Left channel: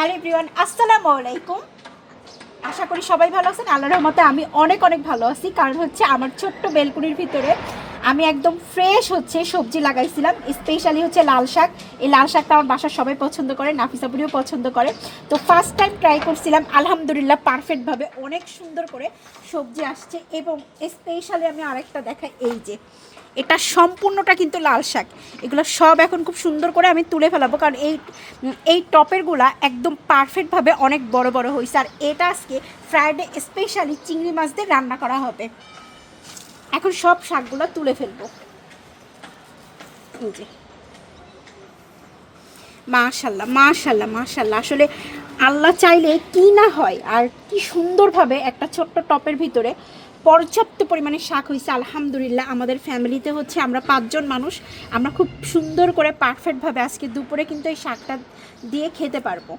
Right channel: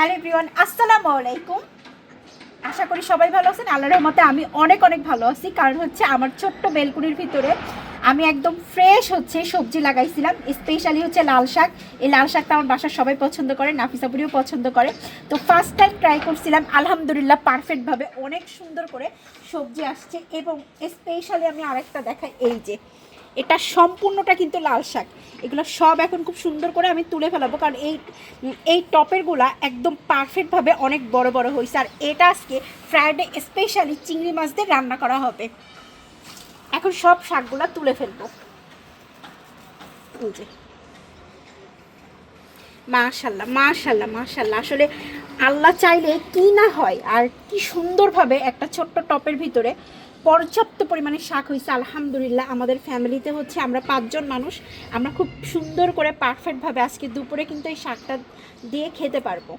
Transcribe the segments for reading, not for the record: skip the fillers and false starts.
Hello everyone, আসসালামু আলাইকুম। আশা করি সবাই ভালো আছেন। আল্লাহর রহমতে আমি অনেক অনেক ভালো আছি। কারণ হচ্ছে আমার ছোট্ট বেলকুনির ভিতরে আমি একদম ফ্রেশ সবজি লাগাইছিলাম। স্পেশালি হচ্ছে লাল শাক। এই লাল শাকটা আমার বাসার সবাই পছন্দ করে, নাফিসাপুরিও পছন্দ করে। তো ফার্স্ট টাইম ট্রাই করছিলাম, আলহামদুলিল্লাহ পারফেক্টভাবে অনেক সুন্দর করে সবজি আসছে। এবং স্পেশালি আমি আরেকটা দেখাই, এই যে এটা সম্পূর্ণটা কিন্তু লাল শাক। এগুলো সব এখন খুব সুন্দর করে আমি তুলে ফেলাবো, কারণ এই টপেরগুলা একদম পারফেক্টভাবে অনেক বড় বড় হয়েছে। আর এটা আজকে ফ্রাইডে স্পেশালি চিংড়ি মাছ দিয়ে রান্না করা হবে। এখন সব শাকগুলা তুলে ফেলবো। এই যে মাশাল্লাহ মাশাল্লাহ মাশাল্লাহ, আসলে আল্লাহ চাইলে কি না হয়। আর কি সুন্দরভাবে একটা ছোট্ট টপের ভিতরে পর্যাপ্ত পরিমাণে শাক হয়েছে আলহামদুলিল্লাহ। আমাদের ফ্যামিলিতে হচ্ছে আমরা 5 জন মানুষ, আমরা খুব সুন্দর করে পারফেক্টভাবে আজকে দুপুরে কিন্তু এই শাকটা দিয়ে খেতে পারবো।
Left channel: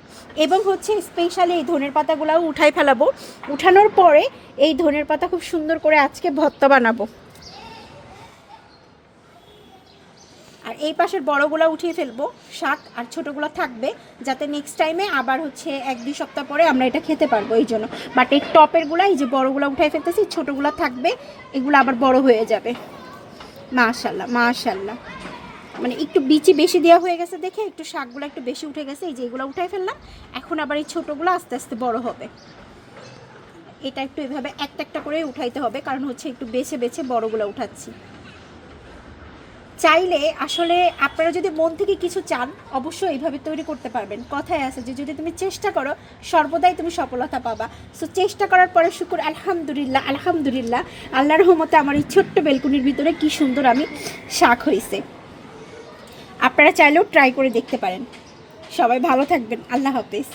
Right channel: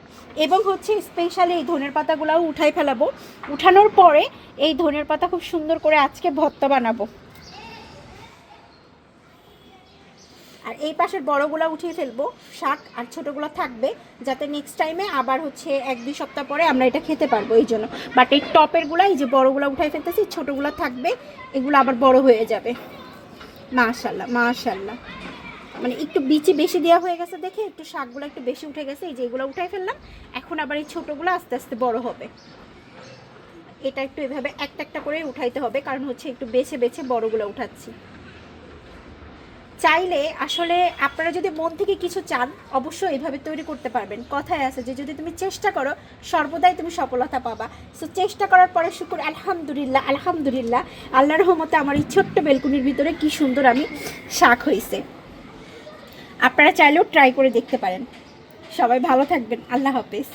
এবং হচ্ছে স্পেশালি এই ধনের পাতাগুলোও উঠাই ফেলাবো। উঠানোর পরে এই ধনের পাতা খুব সুন্দর করে আজকে ভর্তা বানাবো। আর এই পাশের বড়গুলো উঠিয়ে ফেলবো শাক, আর ছোটোগুলো থাকবে, যাতে নেক্সট টাইমে আবার হচ্ছে 1-2 সপ্তাহ পরে আমরা এটা খেতে পারবো এই জন্য। বাট এই টপেরগুলো, এই যে বড়গুলো উঠাই ফেলতেছি, ছোটোগুলো থাকবে, এগুলো আবার বড় হয়ে যাবে। মাশাল্লাহ মাশাল্লাহ, মানে একটু বিচি বেশি দেওয়া হয়ে গেছে দেখে একটু শাকগুলো একটু বেশি উঠে গেছে। এই যে এগুলো উঠাই ফেললাম, এখন আবার এই ছোটোগুলো আস্তে আস্তে বড় হবে। এটা একটু এভাবে একটা একটা করে উঠাইতে হবে, কারণ হচ্ছে একটু বেছে বেছে বড়গুলো উঠাচ্ছি। চাইলে আসলে আপনারা যদি মন থেকে কিছু চান, অবশ্যই এইভাবে তৈরি করতে পারবেন। কথায় আছে যে যদি তুমি চেষ্টা করো সর্বদাই তুমি সফলতা পাবা। সো চেষ্টা করার পরে শুকুর, আলহামদুলিল্লাহ আলহামদুলিল্লাহ, আল্লাহর রহমতে আমার এই ছোট্ট বেলকুনির ভিতরে কি সুন্দর আমি শাক হয়েছে। আপনারা চাইলেও ট্রাই করে দেখতে পারেন। সবাই ভালো থাকবেন, আল্লাহ হাফেজ।